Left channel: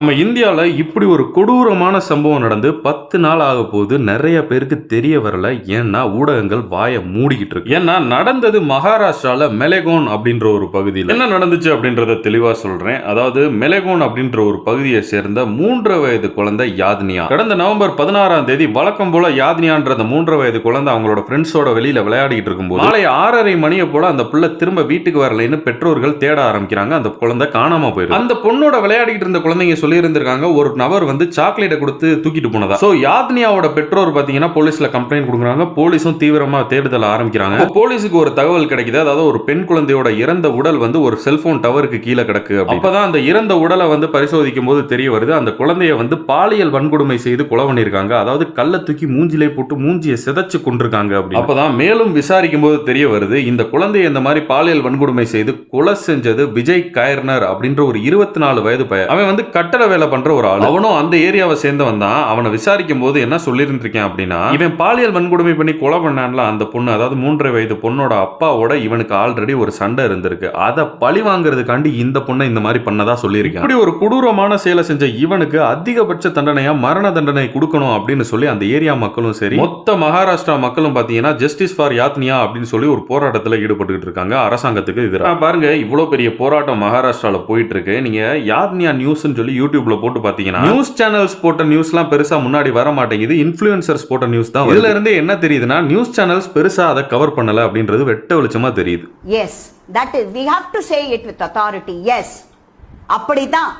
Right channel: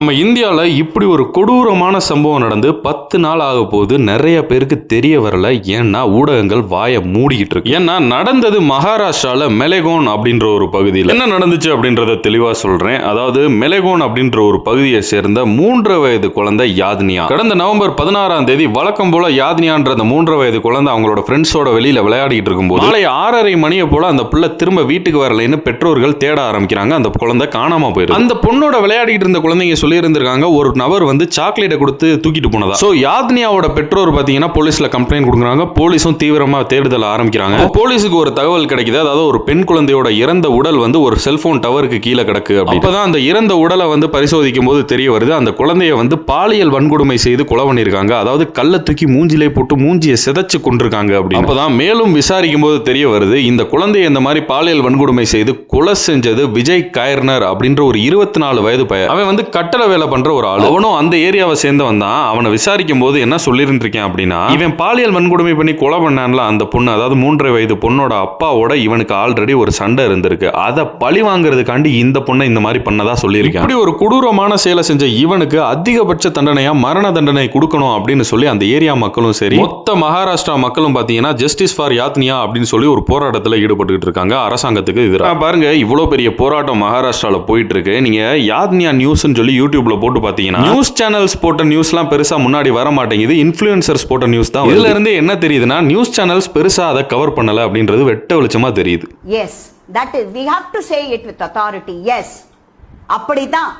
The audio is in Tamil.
நம்ம இந்தியாவில் இப்படி ஒரு கொடூரமான சம்பவம் நடந்து 10 நாள் ஆக போது நிறைய பேருக்கு தெரிய வரல. ஏன்னா ஊடகங்கள் வாயை மூடிக்கிட்டு இருக்கு. ஏன்னா நடந்தது மகாராஷ்டிரால மெலகோன் அப்படின்ற ஒரு பகுதியில் என்ன நடந்துச்சு அப்படின்றத தெளிவா சொல்றேன். அதாவது மெலகோன் அப்படின்ற ஒரு பகுதியை சேர்ந்த 3 வயது குழந்தை யாத்னியா கடந்த நவம்பர் 16ஆம் தேதி வழக்கம் போல யாத்னியான்ற அந்த 3 வயது குழந்தை அவங்களோட ஃப்ரெண்ட்ஸோட வெளியில விளையாடிட்டு இருக்கும்போது மாலை 6:30 மணியை போல அந்த பிள்ளை திரும்ப வீட்டுக்கு வரலைன்னு பெற்றோர்கள் தேட ஆரம்பிக்கிறாங்க. அந்த குழந்தை காணாம போயிருக்கு. அந்த பொண்ணோட விளையாடிட்டு இருந்த குழந்தைங்க சொல்லியிருந்திருக்காங்க, ஒரு நபர் வந்து சாக்லேட்டை கொடுத்து தூக்கிட்டு போனதா. சோ யாத்னியாவோட பெற்றோர் பாத்தீங்கன்னா போலீஸ்ல கம்ப்ளைண்ட் கொடுக்குறாங்க. போலீஸும் தீவிரமா தேடுதல் ஆரம்பிக்கிறாங்க. போலீஸுக்கு ஒரு தகவல் கிடைக்குது. அதாவது ஒரு பெண் குழந்தையோட இறந்த உடல் வந்து ஒரு செல்போன் டவருக்கு கீழே கிடக்கு. அப்பதான் அந்த இறந்த உடலை வந்து பரிசோதிக்கும் போது தெரிய வருது, அந்த குழந்தைய வந்து பாலியல் வன்கொடுமை செய்து கொலை பண்ணிருக்காங்க. அதாவது கல்லை தூக்கி மூஞ்சிலே போட்டு மூஞ்சியை சிதைச்சு கொண்டிருக்காங்க. அப்படி அப்பதான் மேலும் விசாரிக்கும் போது தெரிய வருது, இந்த குழந்தைய இந்த மாதிரி பாலியல் வன்கொடுமை செய்து கொலை செஞ்சது விஜய் கைர்னர் அப்படின்ற ஒரு 24 வயது பையன். அவன் வந்து கட்டட வேலை பண்ற ஒரு ஆள். அவனும் அந்த ஏரியாவை சேர்ந்தவன் தான். அவனை விசாரிக்கும் போது என்ன சொல்லிருந்திருக்கேன் அப்படின்னா, இவன் பாலியல் வன்கொடுமை பண்ணி கொலை பண்ணான்ல அந்த பொண்ணு, அதாவது 3 வயது பொண்ணோட அப்பாவோட இவனுக்கு ஆல்ரெடி ஒரு சண்டை இருந்திருக்கு. அதை பழி வாங்குறதுக்காண்டி இந்த பொண்ணை இந்த மாதிரி பண்ணதா சொல்லியிருக்கேன். இப்படி ஒரு கொடூரமான செயலை செஞ்ச இவனுக்கு அதிகபட்ச தண்டனையா மரண தண்டனை கொடுக்கணும் அப்படின்னு சொல்லி அந்த ஏரியா மக்களும் சரி மொத்த மகாராஷ்டிரா மக்களும் பாத்தீங்கன்னா ஜஸ்டிஸ் ஃபார் யாத்னியா அப்படின்னு சொல்லி ஒரு போராட்டத்தில் ஈடுபட்டு இருக்காங்க அரசாங்கத்துக்கு எதிராக. பாருங்க, இவ்வளவு பெரிய போராட்டம் மகாராஷ்டிரால போயிட்டு இருக்கு. நீங்க யாத்னியா நியூஸ் சொல்லி யூடியூப்ல போட்டு பாத்தீங்கன்னா நியூஸ் சேனல்ஸ் போட்ட நியூஸ்லாம் பெருசா முன்னாடி வர மாட்டேங்குது. இன்ஃப்ளூயன்சர்ஸ் போட்ட நியூஸ் தான். இதுல இருந்து என்ன தெரியுதுன்னா, நியூஸ் சேனல்ஸ் பெருசா அதை கவர் பண்ணல அப்படின்றது வெட்ட வெளிச்சமா தெரியுது. Yes, that is, we have to say it with authority. Yes, அப்படிதான்.